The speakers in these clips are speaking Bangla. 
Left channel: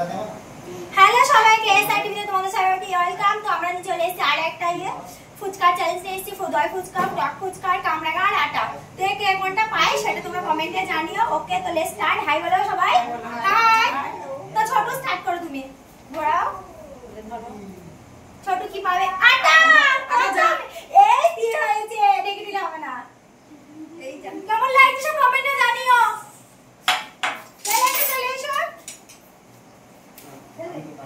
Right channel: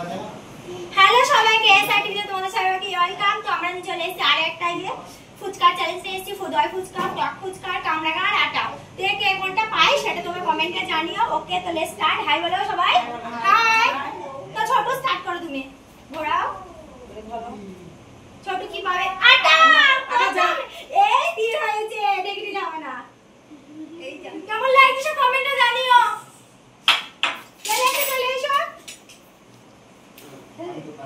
হ্যালো সবাইকে, এসআর টিভিতে তোমাদের সবাইকে ওয়েলকাম। তো আমরা চলে এসেছি আর একটা ফুচকার চ্যালেঞ্জ নিয়ে এসেছি। দই ফুচকা, টক ফুচকা, কামরাঙা আর আটা। তো কে কোনটা পাই সেটা তোমরা কমেন্টে জানিও। ওকে, তো লেটস স্টার্ট। হাই বলো সবাই, হাই। তো ছোট স্টার্ট করো, তুমি ঘোরাও। ছোট কি পাবে? আটা। এই তিন হয়েছে, নেগেটিভ হবে না। এই যা, কেমন লাগছে সব কমেন্টে জানিও।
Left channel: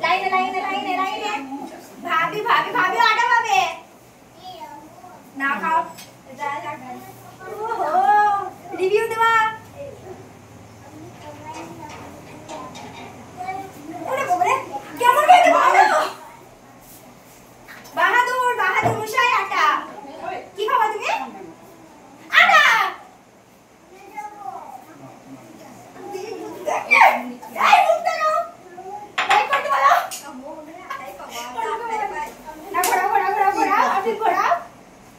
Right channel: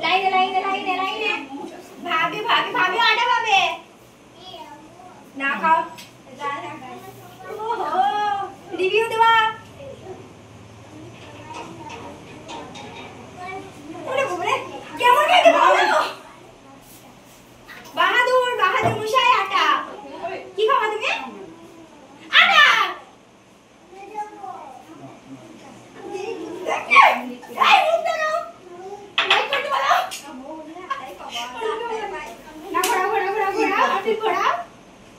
লাইনে লাইনে লাইনে লাইনে ভাবি ভাবি ভাবি আটা পাবে না। খাও, ওহো রিভিউ দেবা। ওরে বাবারে, কেমন খেতে বলো। বাহাদুর বাহাদুর মুশাই আটা। কি খাবা তুমি? আটা। এই মুখটা নাও। লাইক করতে বলো। না ঘোরা ঘোরা ঘোরা ঘোরা, আপনি ঘোরা।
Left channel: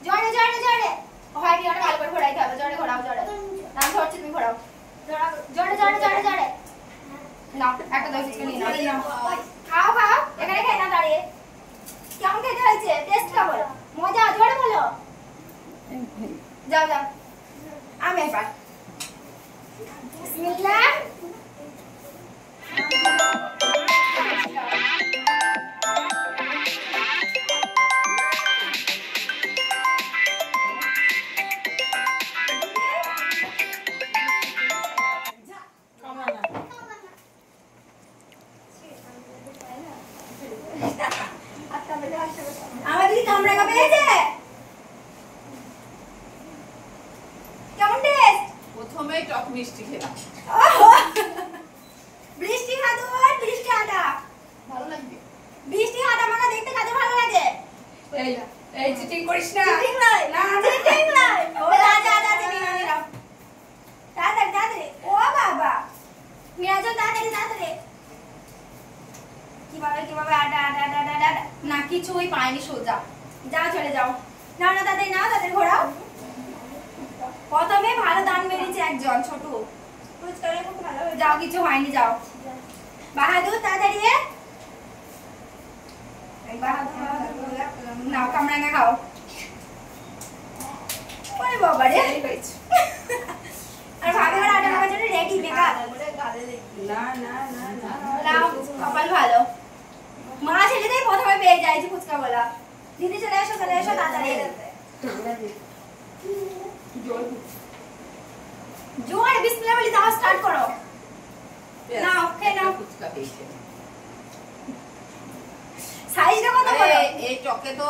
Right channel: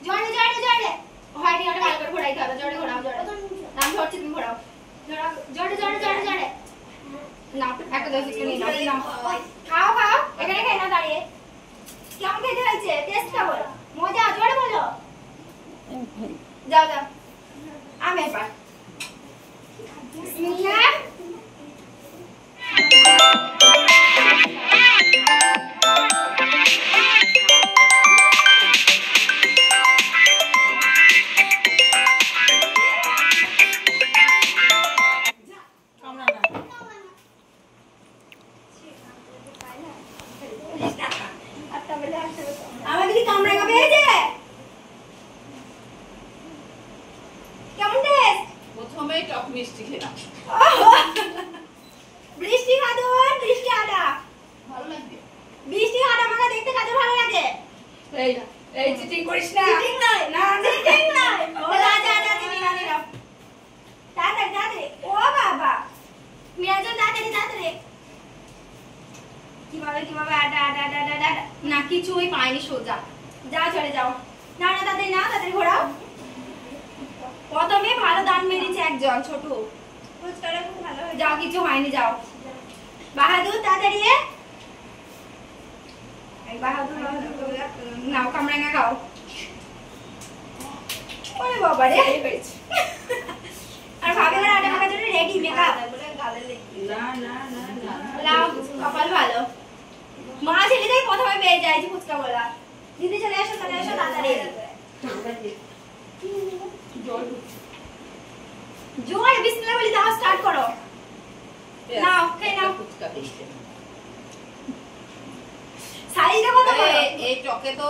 জোরে জোরে জোরে। হয় নি, ওটা ভালো করে ঘোরাইতে হবে। জোরে ঘোরাও, জোরে। নাম ধরছি, তুমি ঘোরাও। জোরে জোরে জোরে জোরে। নাও একটা দই ফুচকা নিয়ে নাও। খাও খাও, এখানে খাই না দাঁড়িয়ে। কেমন খেতে হয়েছে? টেস্ট কেমন? মজা? জোরে বলো। যাও যাও, আমি এবার বিসমিল্লাহ। আমাদের কামরাঙা পেয়েছে। কেমন টেস্ট? প্রথমেই টক মিষ্টি খেলাম। বৃষ্টি খাদুর, বৃষ্টি আটা ভালো লাগবে। বৃষ্টি আটা মাখা দেখতে কাজে ভালো লাগে। এই এই চিটিং করিস না। চিটিং নয়, না চিটিং নয়। ও রাজা রাজা নিনা নিনা। তাড়াতাড়ি তাড়াতাড়ি। ও বাবা, মিয়াজ তাড়াতাড়ি তাড়াতাড়ি। কিভাবে কিভাবে আটা আটা আটা আটা। না কিছুই পাইনি, সোজা যাও চলে যাও। না না তাড়াতাড়ি না, তাড়াতাড়ি ঘোরাও। প্রথমে ভালো দান মেরেছে একজন ছোট। ফুচকাটা খুব ভালো হয়েছে। যাও, কিছু হয়নি, যাও। বাহাদুর তাড়াতাড়ি। এই বাহাদুর বাহাদুর নাও, কামরাঙা খাও। ওরে বাবা রে, আর ভাবে ওরা আটা মাখার জন্য রেডি মেকআপ। না না না না। লাও, কপাল ভালো। মা ছেলেটাই প্রথমে পেয়ে যায় যে ফুচকা বলা। দিদি চলে এসো, চলে এসো তাড়াতাড়ি। জোরে বিসমিল্লাহ বলে দাও, স্টার্ট করো। নাও, খেয়ে নাও। ফুচকা পেয়েছে। সাইজটা কত বড়? এই টকে তো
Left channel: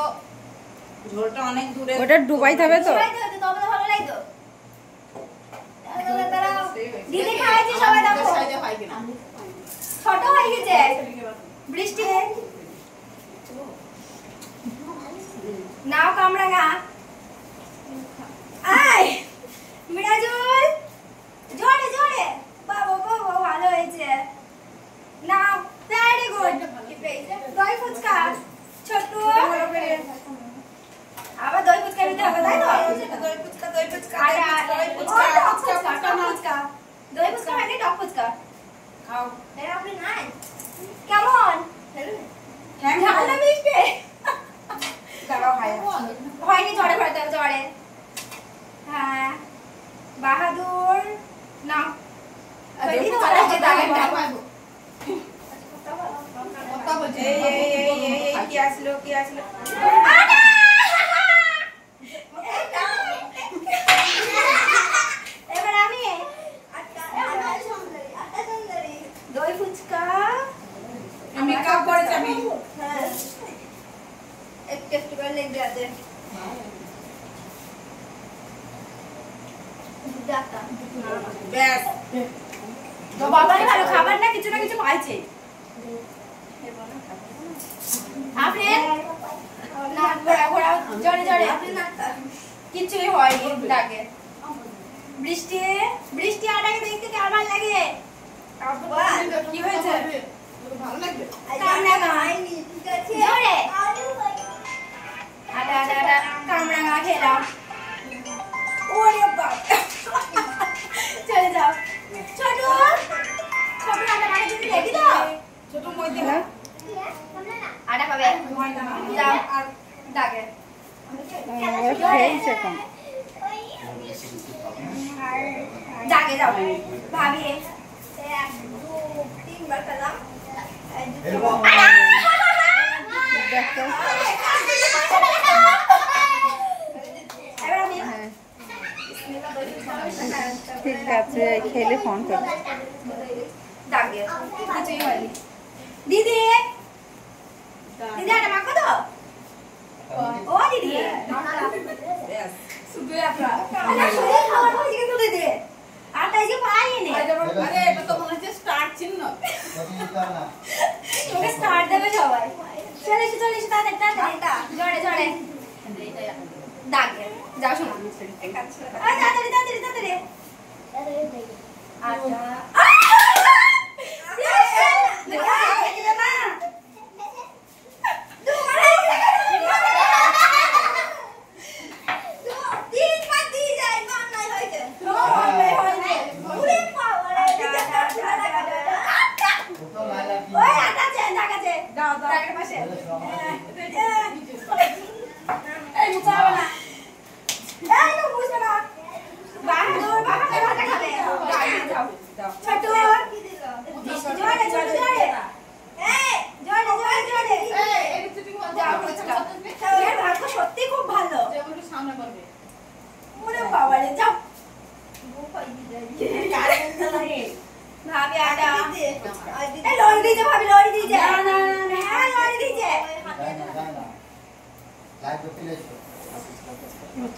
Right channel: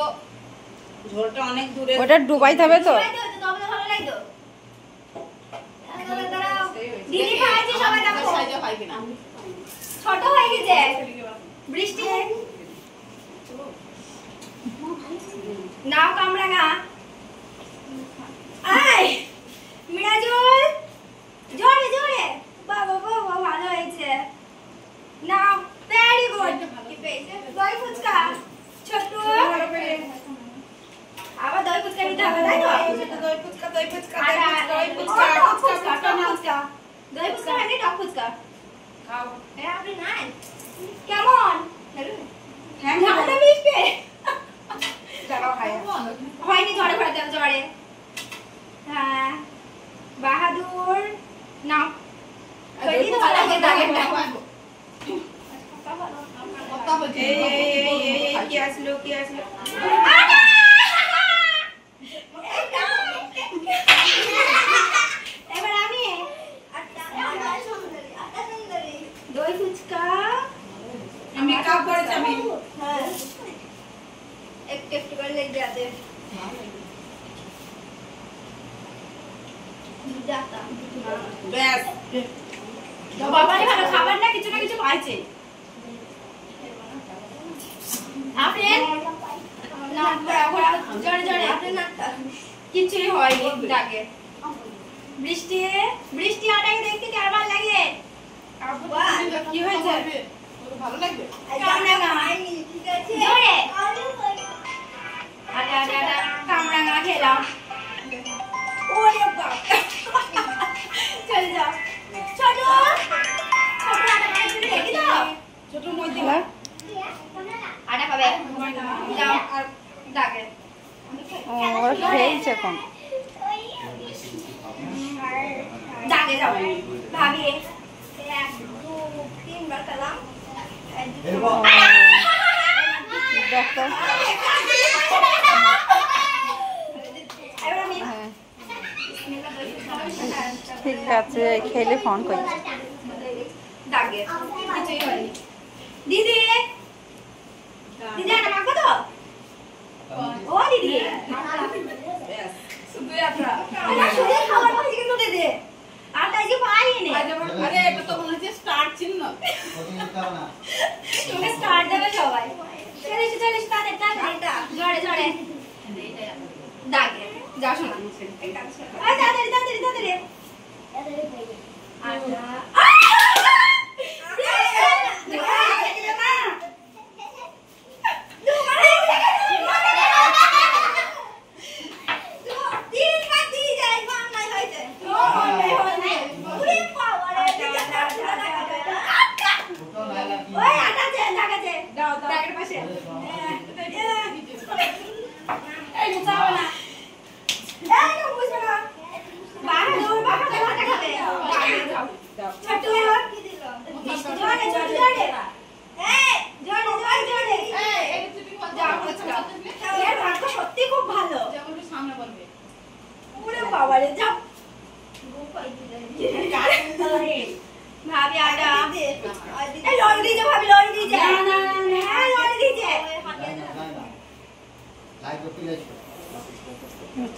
ঝোলটা অনেক দূরে। ওটা ডুবাইতে হবে তো। তবে তো ভালো লাগতো। দিদি খাইছে, সবাই দেখো। সাইজে হয় কিনা। ছোট হয়ে গেছে। বৃষ্টি নাও কামরাঙা। আয় মিরাজুল, জোরে জোরে। বাবা বাবা, ভালো হয়েছে। নাও, ভেরি গুড। কি পেয়েছে? দই ফুচকা। ছোট আবার দই ফুচকা নিতে হবে, তাই তো? দই ফুচকা দই ফুচকা দই ফুচকা ফুচকা ফুচকা। দই ফুচকা মানে টক ফুচকা। খাও। এরা আপনি নাই কেমন? ঝাল না মিষ্টি? হয়নি, ঝড়ে ঘোরাতে হবে, ঝড়ে। হ্যাঁ বাহাদুর নাও। বলি তো ভালো লাগে দাগেরটা। কি আসলো কি আসলো। এবার আমি দই ফুচকা। আমি কাপ করেছি আমি। হ্যাঁ একটু একটু করে লেগে যাবে। ব্যাস। তো বাবারই ভালো, খাবার না কিছু পাইছে। আপনি না ঘোরা ঘোরা, জোরে জোরে। আপনি না কিছুই হয়নি দাগে। বৃষ্টি বৃষ্টি আটাকে দেখতে কেমন লাগে? কি হয়েছে? ভালো লাগবে। কামরাঙা জোরে আটা আটা আটা। কামরাঙা খেলাম। ওরে বাবা, চলে যাও। ছোট ছোট আটা মাখার জন্য রেডি তো? ছোট হ্যালো আটা পাবে যাও ডাকে ও খেলছে এখন ডাকে যাও ভাবি 1 2 3 বার খেলাম দেখো এবার আমি হ্যাঁ ঠিক আছে খেলে ফোন করি ডাকে কিছুই হয়নি দিদি দিদি আটা মাখো তো ও দিদি ব্যাস সুবির আটা আটা সুবির খাবার বলছি কিন্তু দিদি আটা এই যে পাইনি আরে এটা তো মনে হচ্ছে স্টার চিহ্ন তুমি স্টার্ট দেবে সবাই চলে তাড়াতাড়ি জড়ে জড়ে ডাকে যাও শোনা আরে তাড়াতাড়ি আটা সত্যি খুব ভালো সামনে করবে বাবারে যাও ভাবি আটা লড়ি দিয়েছে ভাবি লড়ি দিয়েছে হ্যাঁ লড়ি দিয়েছে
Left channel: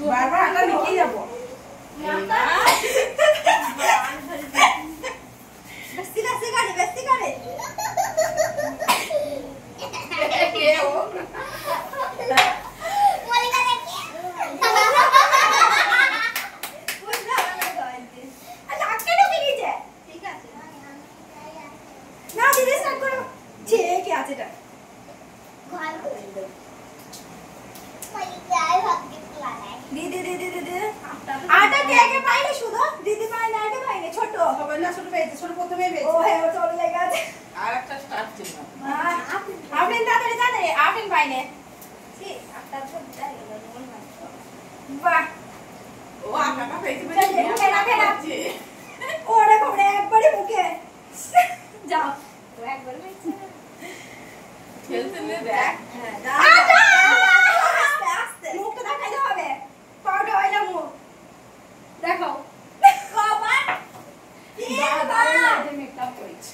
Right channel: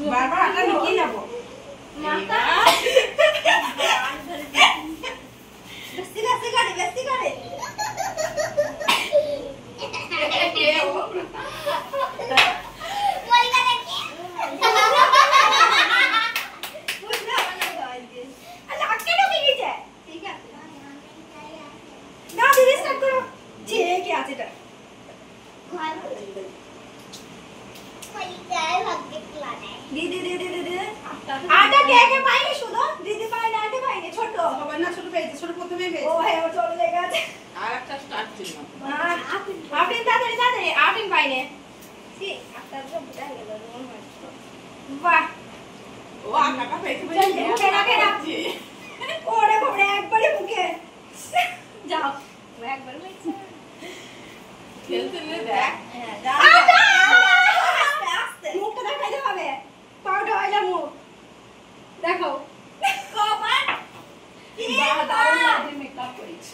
বারবার আটা লিখে যাবো মাতা বেশি করে আটা কে কে পাইনি শুধু দিদি পাইনি আটা পাইনি ছোট সবাই না ছোট পেয়েছে ছোট প্রথমে ও পেয়েছে হ্যাঁ ও চলে গেছে আর একটা স্টার চিহ্ন আপনি তাড়াতাড়ি আপনি পাইনে সি আটা তো বুঝা গেল বাহ ও আটাটা পেয়েছে চল, মুখে রাখে না। ওরে বাবা একবারই মুখে যাও ও একবার মাইছে খেলতে নে দেখ হ্যাঁ যাও আস্তে আস্তে মুখটা দেখাইতে হবে পাউডার হইলা মুখ দেখো কবার দারুণ লাগছে মেকআপ করেছে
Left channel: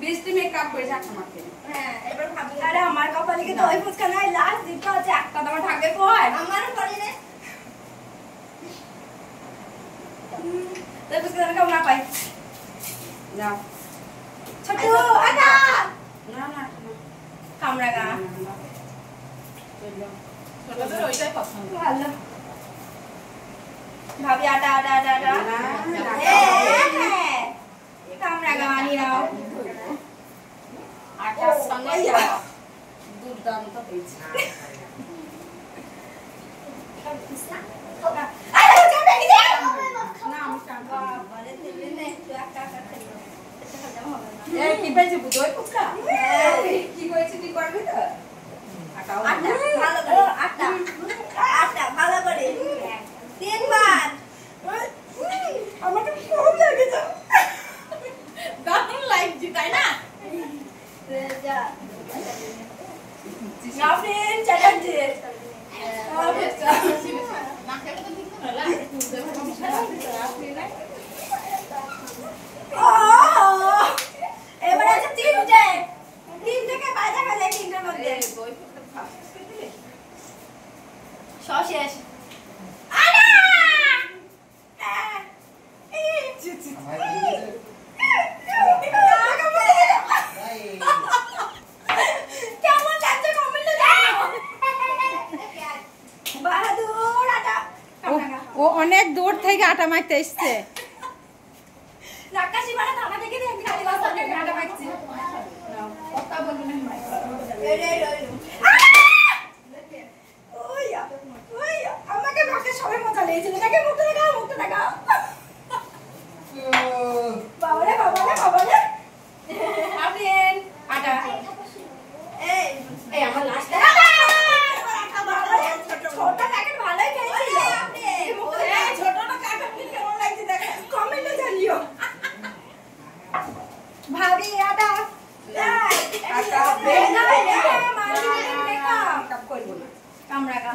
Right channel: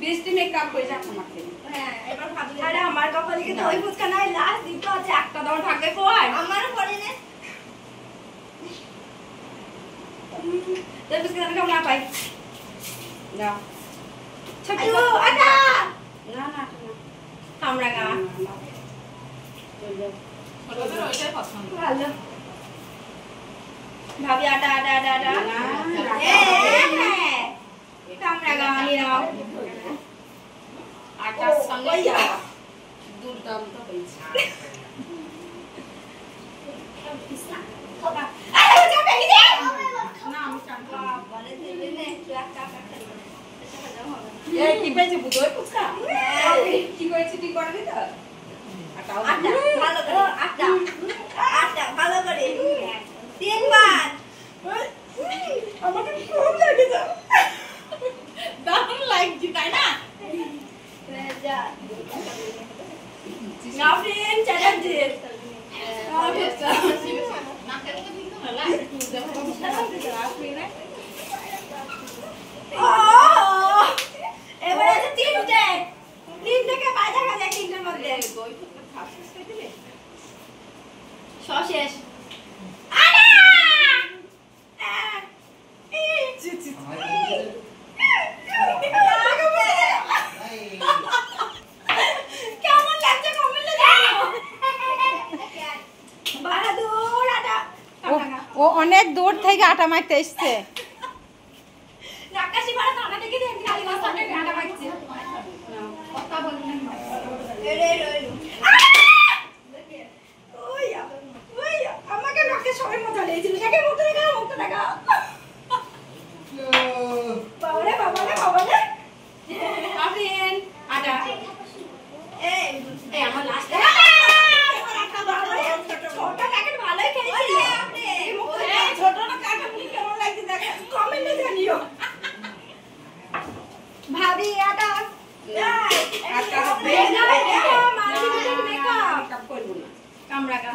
বৃষ্টি মেকআপ করেছে একটা মাকে হ্যাঁ এবার ভাবি আরে আমার কপালে কি দই ফুচকা নাই লাস্ট দিতে আছে একটা দাও থাকে কই আমারও পড়ে নে দই ফুচকা আমি কেমন না পাই না ছোট আটা না না কামড়া গা ছোটদের ওইটাই পছন্দ ভালো ভাবি আটা আটা আটা আটা না, না, হ্যাঁ কামড়া গা নিরাও আটার সঙ্গে দুর্দান্ত হয়েছে আরে ওটা ভেঙে দে না আমি শান্ত বলে দিলে নে তুই একটা খালি এই কি পেয়েছে দই ফুচকা কি করেছে তুই করবি তো আটাও আটা ভালো করে আটা আটা ভালো করে তিনবার আমাকে খুব লাগছে দারুণ লাগছে তাই না রেজা নাফরিন চ্যাটার্জি এবার আছে তিনটে বাজা গেছে তিনটের মধ্যে সব শেষ কেমন লাগছে কমেন্টে জানিও বাহাদুর আটা ও অনেক দূর থেকে আটা মারতে এসছে রাকাশি বাড়া টাকা থেকে দিয়ে খালি বস্তা থেকে আটা মারছি কথা বলবো না রে রে ওইয়া ওইয়া আমাকে নাকে সবাই মজা লেগেছিল কাকে মুখটা দেখা বাবারে বাবারে বাবারে আপনি আটা আটা আটা মেকআপ করব না কামড়া কা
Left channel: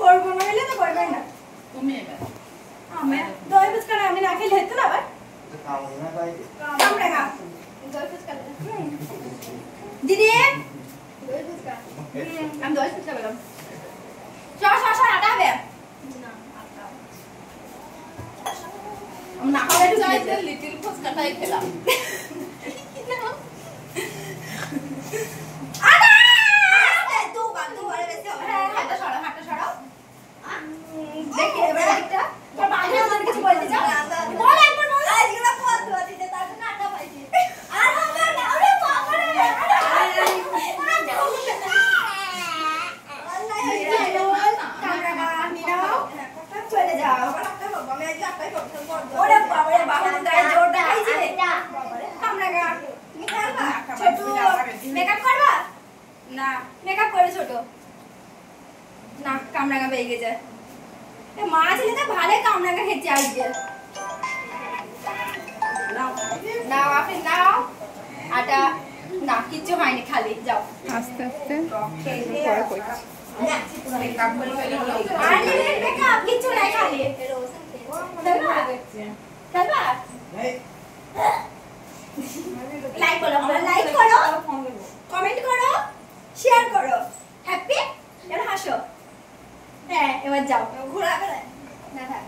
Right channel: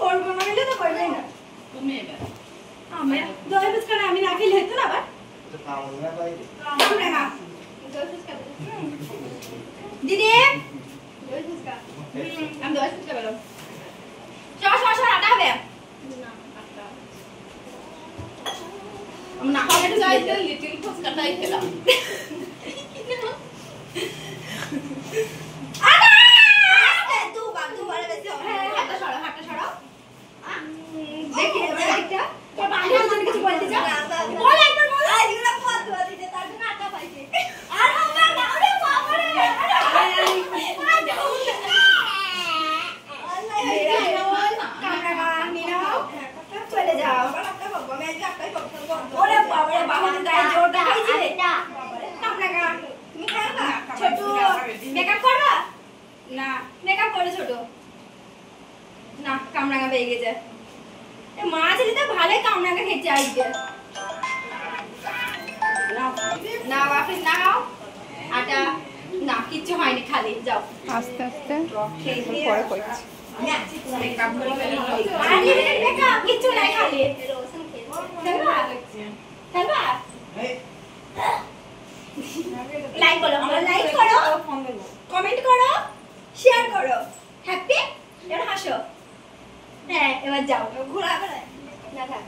করব মানে তো করবেই না তুমি এবার আমি দই ফুচকা আমি না খেলে হতো না আবার কামড়া কা দই ফুচকা দিদি দই ফুচকা আমি দই ফুচকা বলো সর আটা হবে না আটা আমি না খাওয়া একটু চাইতে লিটল ফুচকাটাই খেলাম আটা দুবার বেশি হবে হাতটা সরাও দেখি এবার একটা তো বাইরে ওদের কিছু বলতে চাও বল একবার বল এইগুলো ফতোয়া দিতে তার জন্য আটা পাইছি আর হবে না আরে বাবা রে চলে যাও ওরে বাবা রে বাবা গায়ে জোর দেখাইছে কামড়া ছোট মেকআপ করবা না মেকআপ করে ছোট না কামড়াঙ্গা পেয়ে গেছে মা ছেলে তো ভালোই কামড়াঙ্গা খেয়েছে আজকে নাও আফিস নাও আটা না কিচ্ছু হয়নি খালি যাও আস্তে আস্তে পরে কইছি মেকআপ করে আরে মেকআপ কিচ্ছু নাই খালি খেলবা লাইক করো কমেন্ট করো শেয়ার করো হ্যাপি এবার হাসো হ্যাঁ এবার যাও ঘোরা করে না থাক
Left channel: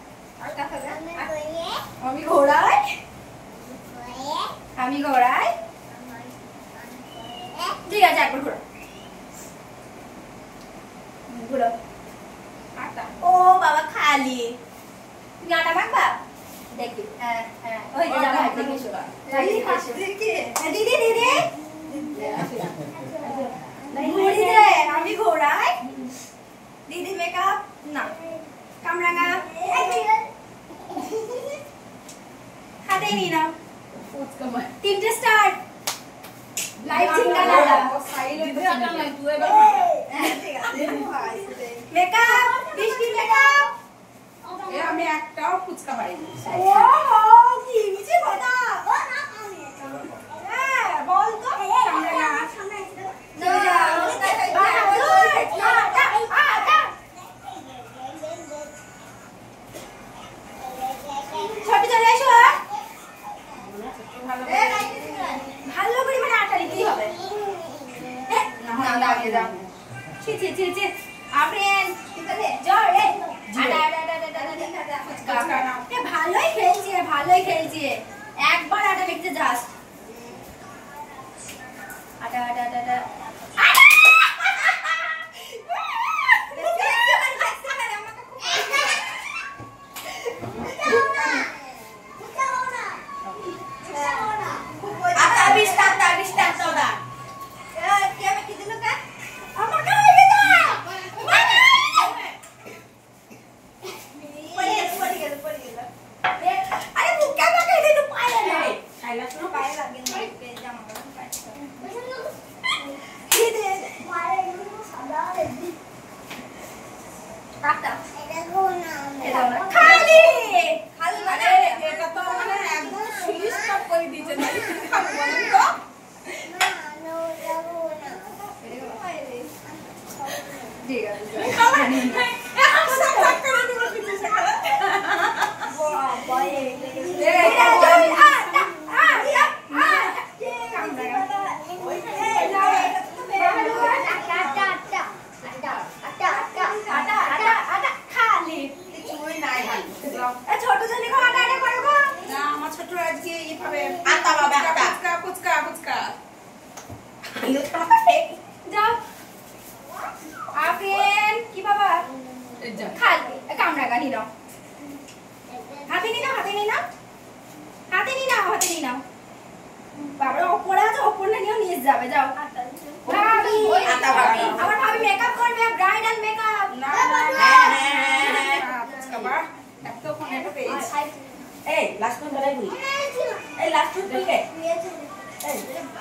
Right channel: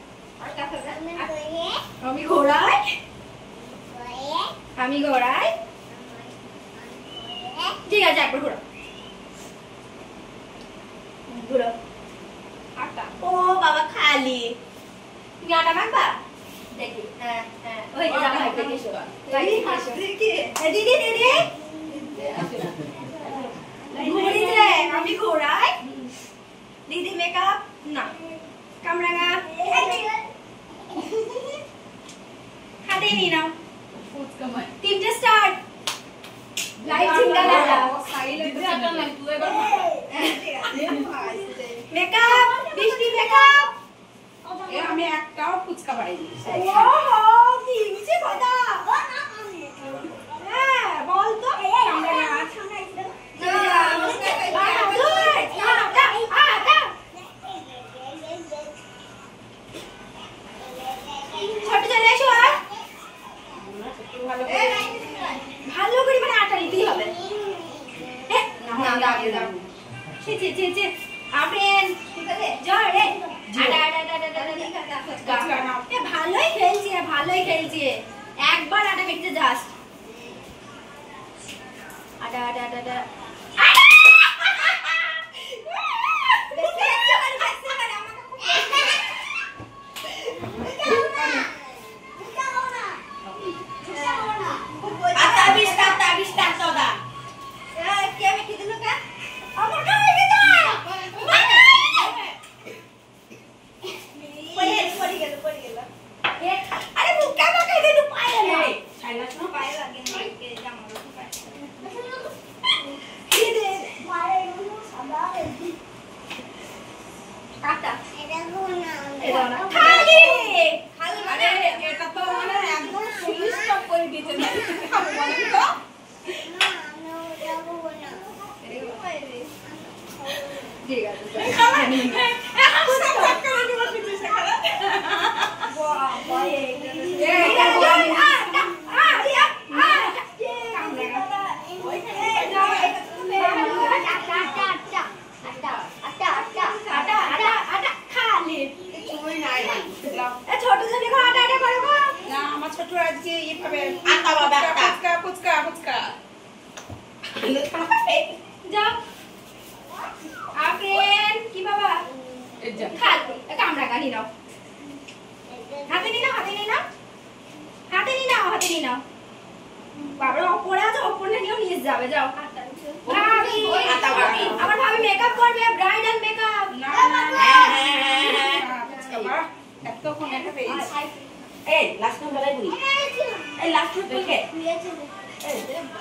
আমি ঘোড়াই ঠিক আছে একবার ঘোরো ঘোরো ও বাবা খালি তুমি আটা মাখবা দেখি হ্যাঁ ওই যে যাও ভাই দেখে এসো দিদি ঘুরি রে আমি ঘোড়াই দিদি মেকআপ না কামরাঙা হাতে নিয়ে নাও ফুচকা মাই তিনটে স্টার্ট লাইভ সিঙ্গালা দিদি আটা নাই তুই এবার মেকআপ বৃষ্টি মেকআপ আমি একটাও ফুচকা পাইনি ও কি মিছে কথা হ্যাঁ বল তো কামরাঙা ছোট চলে এসো ভালো করে মানে আটা নিতেই হবে না দাঁড়িয়ে দাও ছি আপেন জয় রে ভালোই খেলছি একবার আটা মেখতে যাস আটা ছোট ছেলে আটা করবো না আমার ছোট আজকে এইভাবে আটা বাবা ফুচকা যাও আপেন কি বাবা এই যা খালি কামড়াঙ্গা নিয়ে নাও হাতে নিয়ে নাও বাবা ওপরে আছে ওপরটা নিয়েও নিয়ে যাবে যাও ভাবি আমার ভাবি মেকআপ করবে ব্রাইডাল মেকআপ না ফুচকা বা এতক্ষণ এটা পেয়েছি এই লাস্ট নাম্বার আই বলি এই লাস্ট নাম্বার কে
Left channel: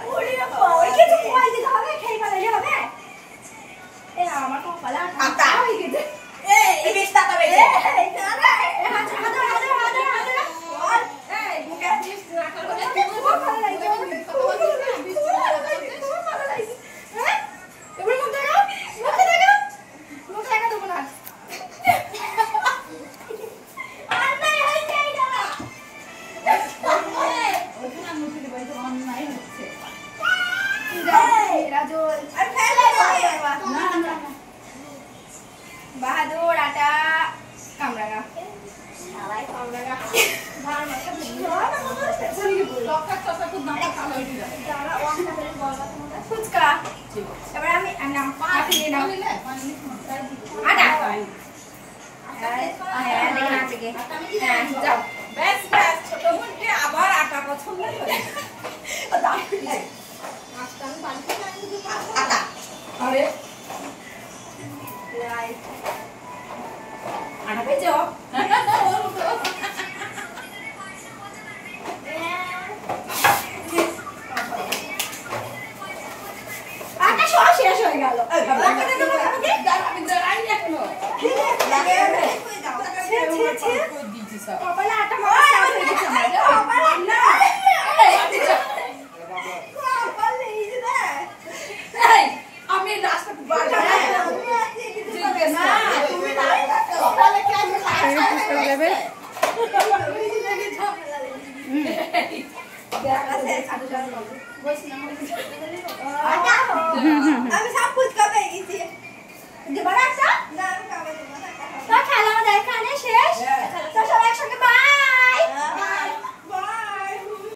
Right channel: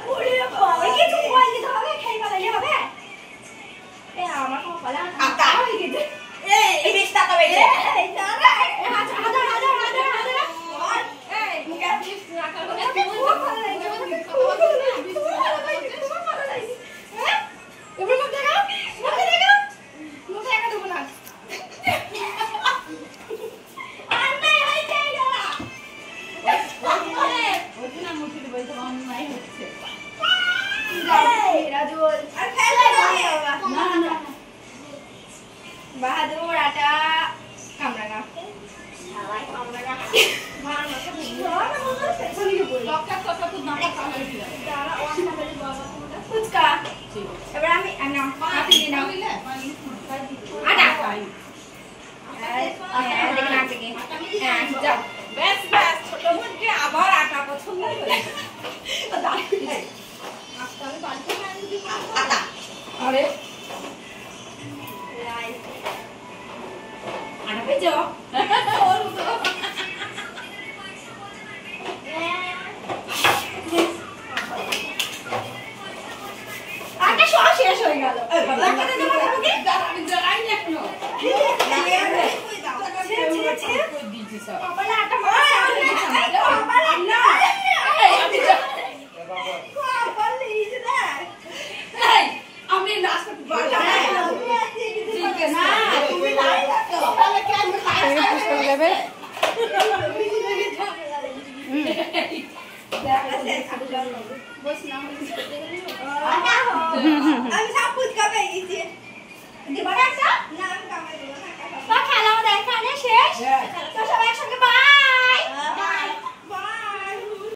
ওরে বাবা কিছু কই দিতে হবে খেয়ে ফেলালে হবে এ আমার কপালে আটা হয়ে গেছে এই বেশটা তো বেজে এই দাঁড়া হাজার এই মুখে যাও মেরা জোর আর ফেলে বাবা না না বাহাদুর আটা কামরাঙা ফুচকা এবার আমি নাম আপনি নাম আটা হ্যাঁ দেখে নাম থেকে হ্যাঁ যাও ব্যাস ব্যাস ছোট মুখে আবার আটা পছন্দ করে আটা আরে আটা পেয়েছো আটা সব শেষ হয়ে গেল আমি দাঁড়াই না এখনো বাবা আটা মাখা শেষ হয়ে গেছে আমার না আমি লাস্ট থেকে পুষ্পা দেবে আমি সব ফুচকা পেয়ে গেছি খেলা আমাদের এখানে শেষ তো সবাই একসঙ্গে